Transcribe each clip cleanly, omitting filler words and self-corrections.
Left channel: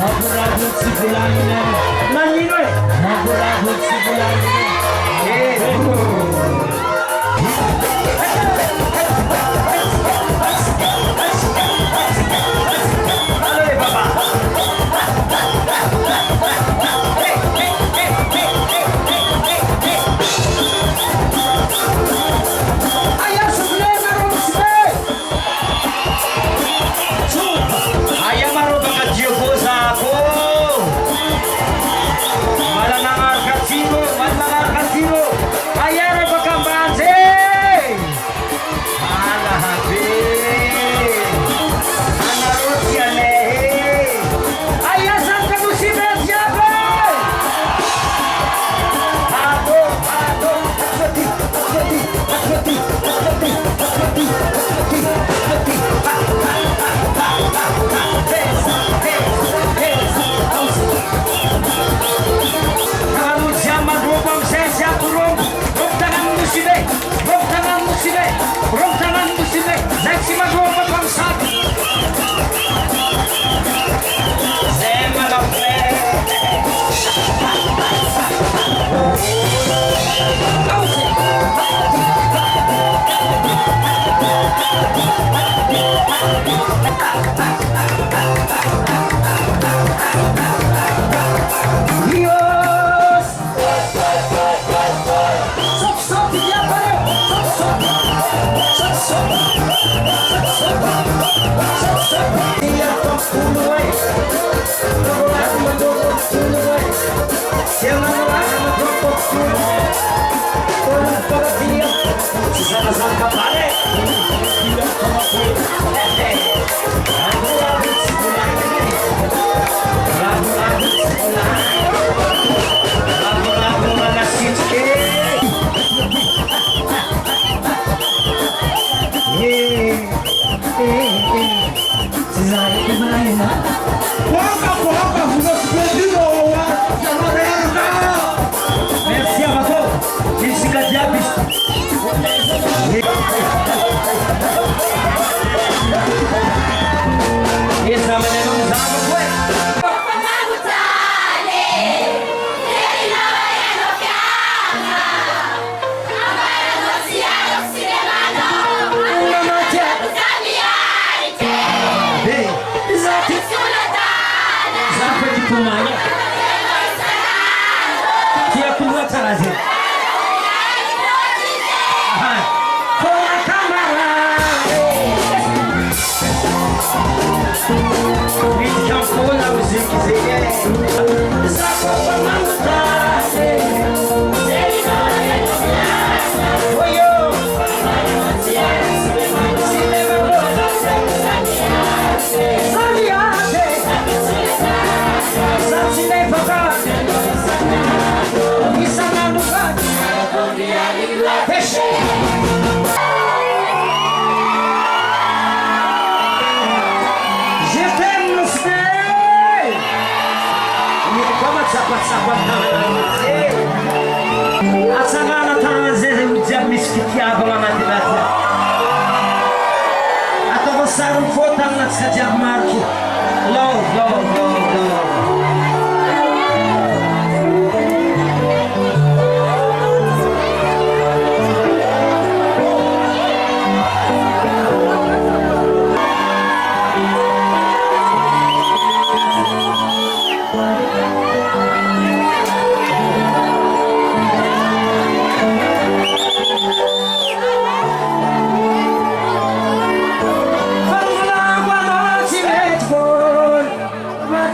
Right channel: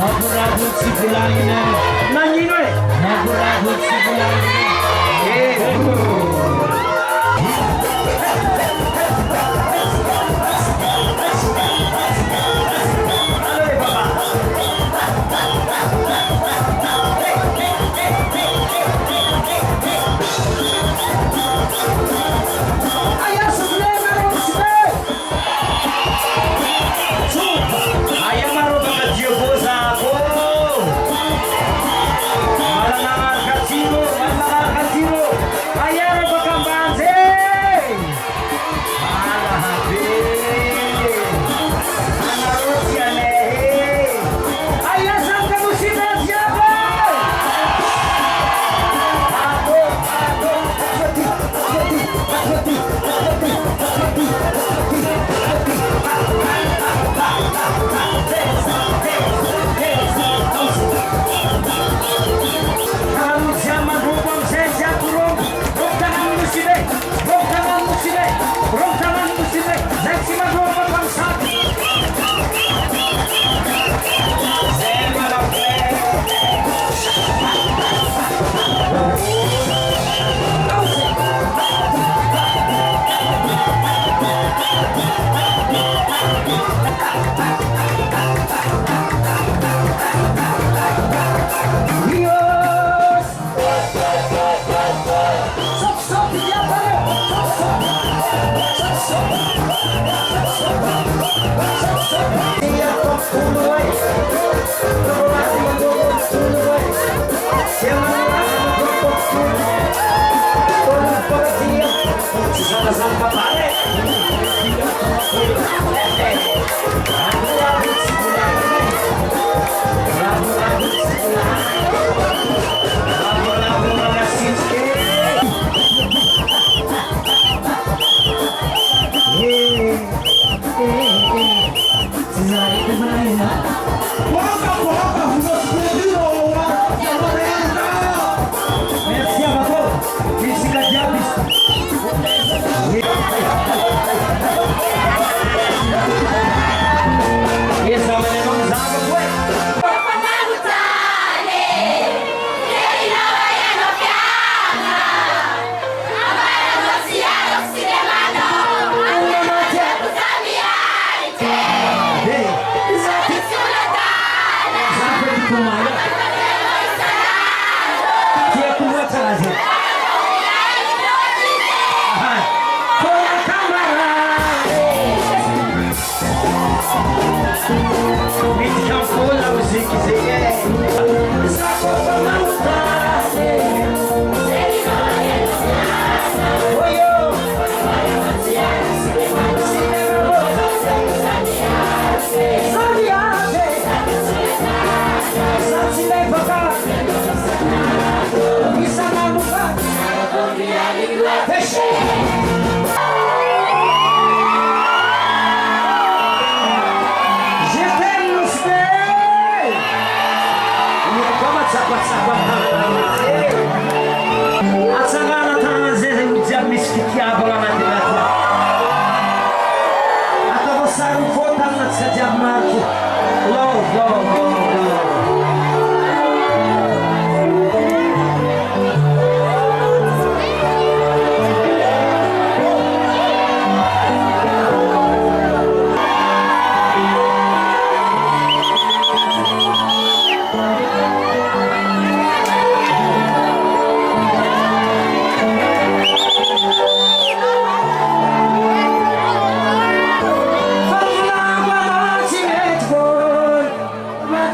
Nagurabot si Bulangin na. Nangino eh. Nagurabot si Bulangin na.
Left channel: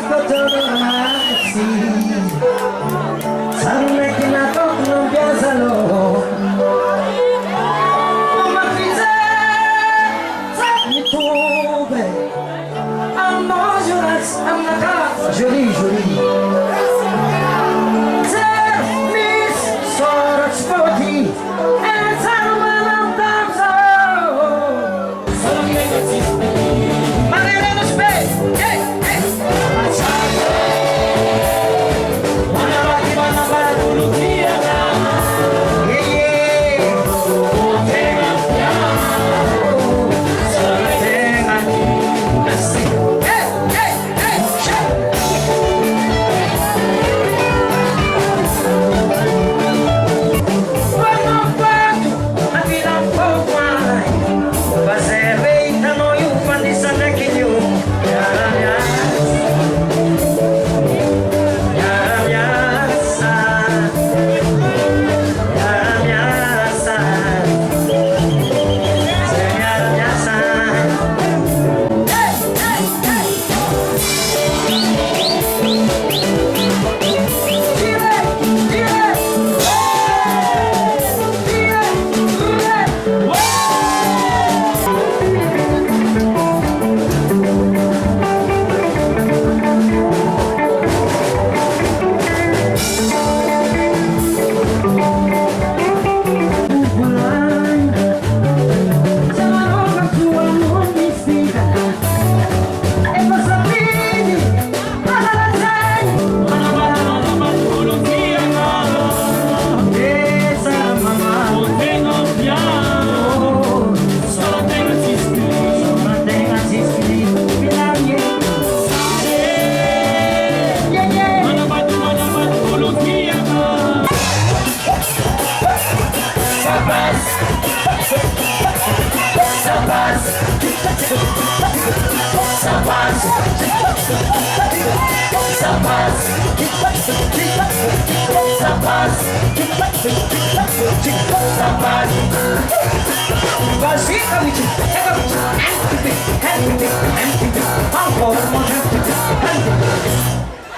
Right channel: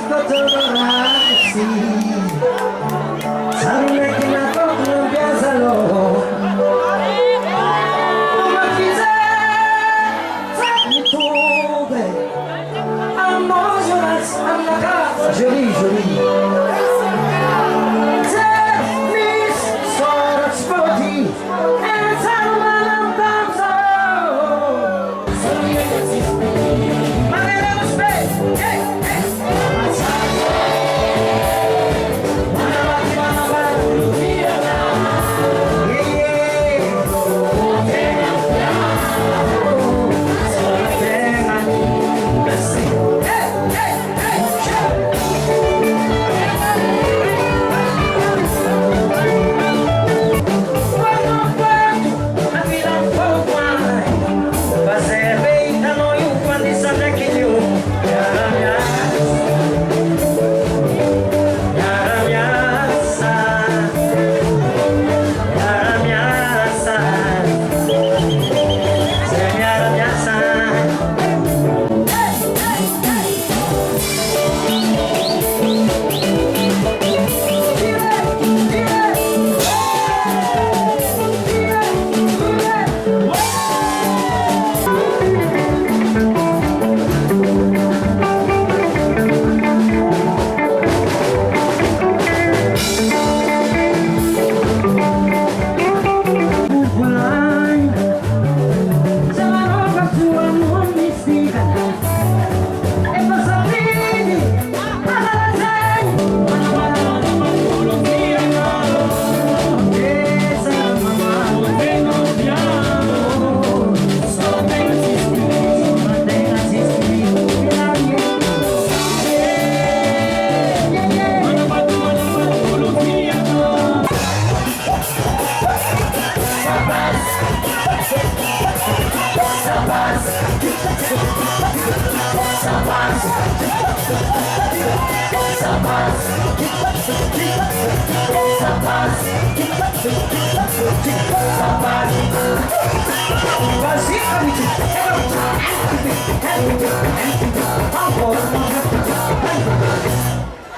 kotoraksi Sarune kinatokno biazalo Umakize Zami tube Amo jonas amnaka Joli joli Mis sorats poti And salman damso Sarune existe Manera space Hey hey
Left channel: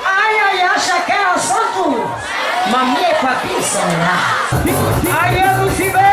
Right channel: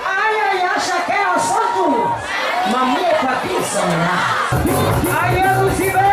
Ai, ai, acha que é assunto? Mamie papissa, né? Ai, eu não se vê!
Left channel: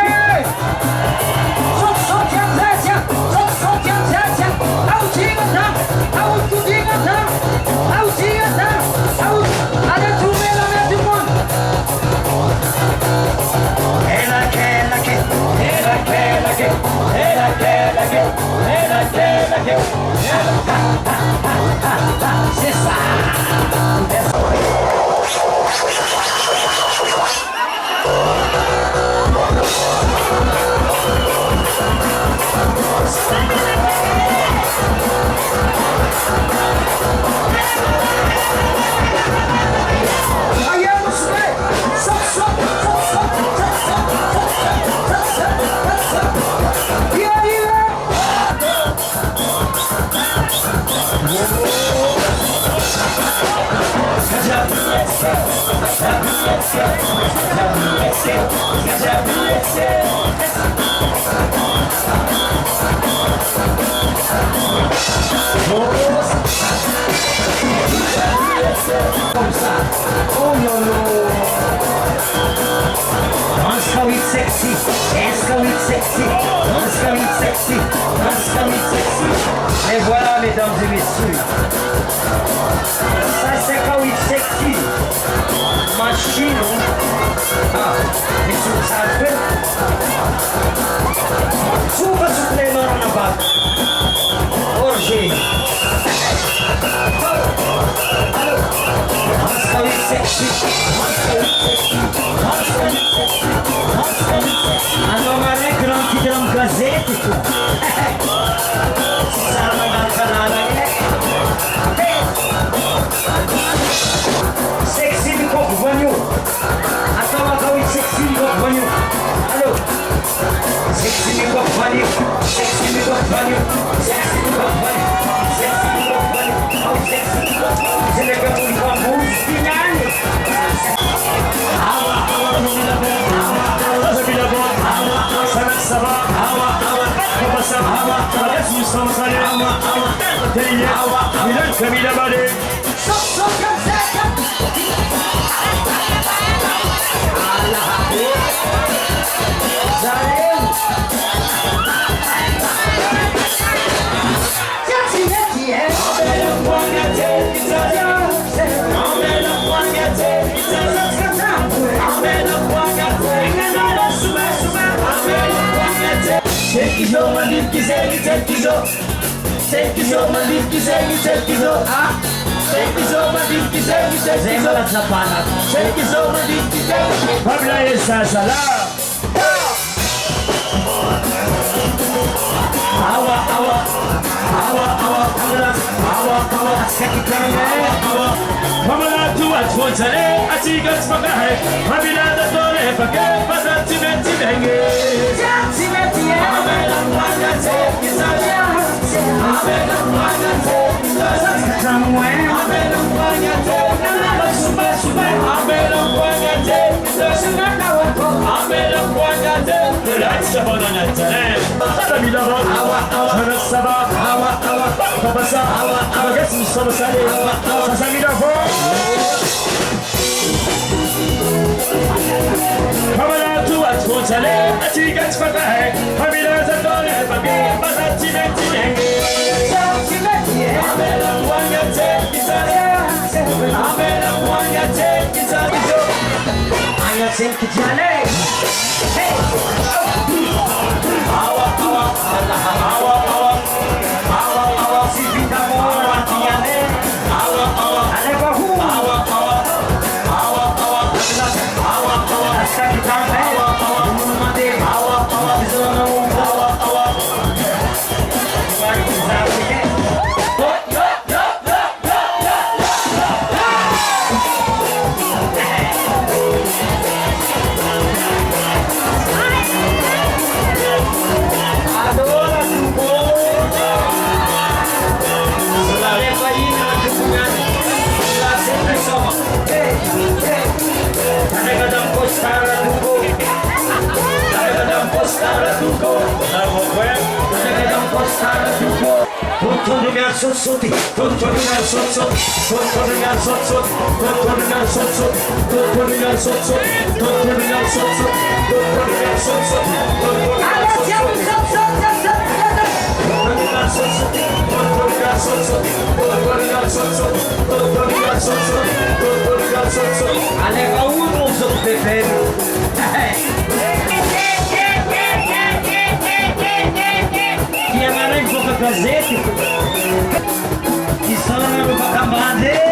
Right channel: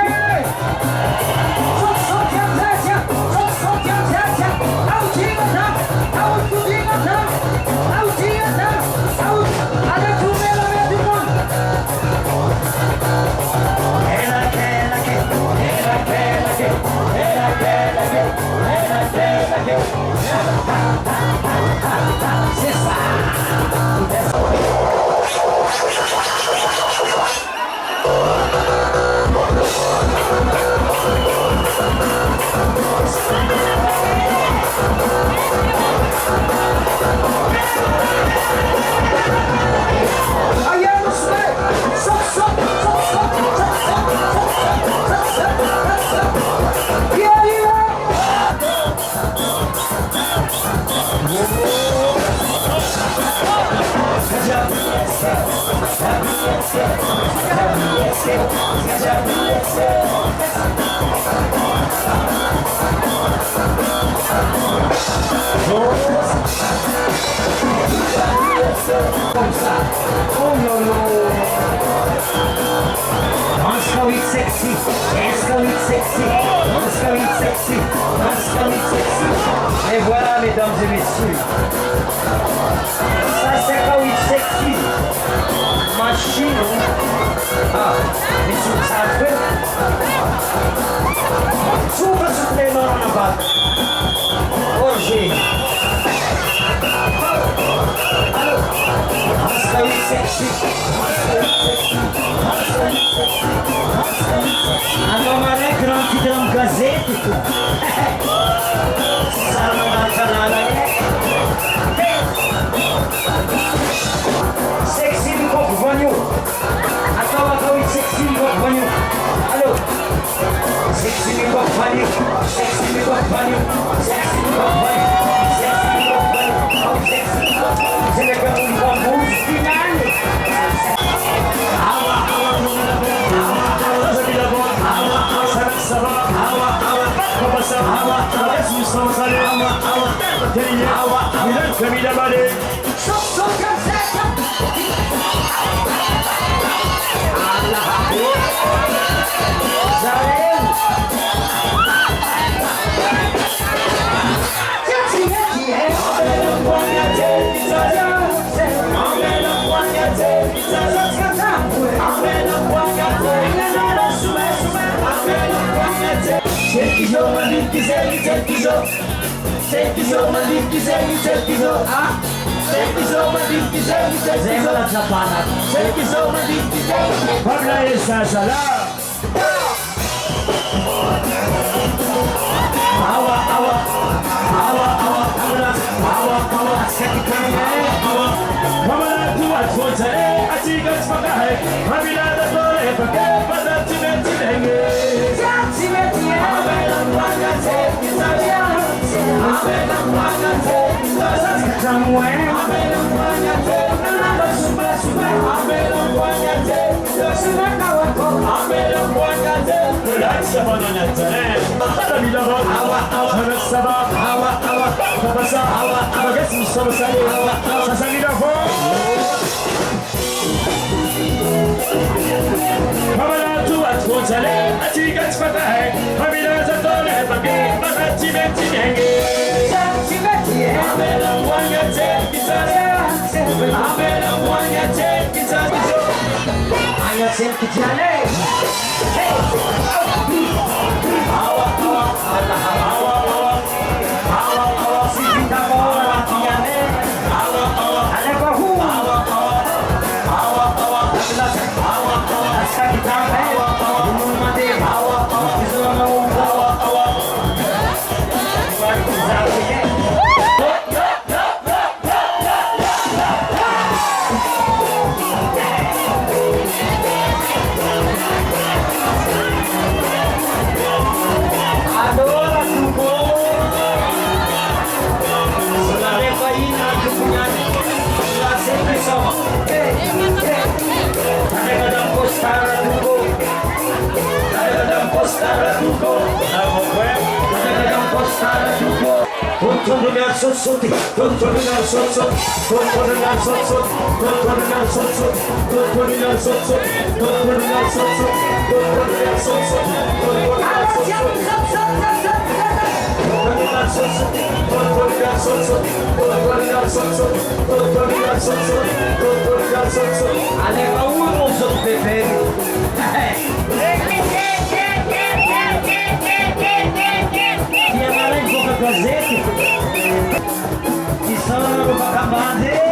Et voilà, mesdames et messieurs, ça c'est quand il sexy, machine, mais sur ça fait, super supplément en bas, orgé, alors, quand il sexy, alors ma grande qui dans gazette et tout. Sexy mi compagno. Atau kau sexy mi compagno. Halo. Sexy mi compagno. Sexy mi compagno. Sexy mi compagno. Sexy mi compagno. Oh sexy mi compagno. Se le capo di bambus finale. Awa awa mi la bella. Awa mi la bella. Awa awa sama. Awa awa. Como sa awa. Awa su sama sale. Awa awa. Awa awa. Milan kamila bale. Pabla esa sala. Awa, awa, awa, awa, awa, awa, awa. Pamela tu atwozale, atigas magahe. Pamela da dole pake, padati meti denge. Pamela mwagate, kizalia. Pamela mwagate, kizalia. Pamela mwagate, nalala suma suma. Pamela mwagate, kizalia kawako. Pamela mwagate, relaxa bonanatane. Pamela midaro, awa awa, sarasaba, awa awa, papasa, awa awa, gesi sobasale, awa awa, sasamidafo. Pamela tu atwozale, atigas magahe. Pamela da dole pake, padati meti denge. Pamela mwagate, kizalia. Pamela mwagate, kizalia. Aya senkijane. Hey. Awa awa, awa awa, awa awa, sivita moa tiane. Awa awa, aleva hu. Awa awa, awa awa, awa awa, askitane. Awa awa, mumade. Awa awa, bizona awa awa. Iwakizawe. Soti, controlling sotso, controlling sotso, controlling sotso, controlling sotso, controlling sotso, controlling sotso, Allez, où on se fait Gazete, que são no Bacabade.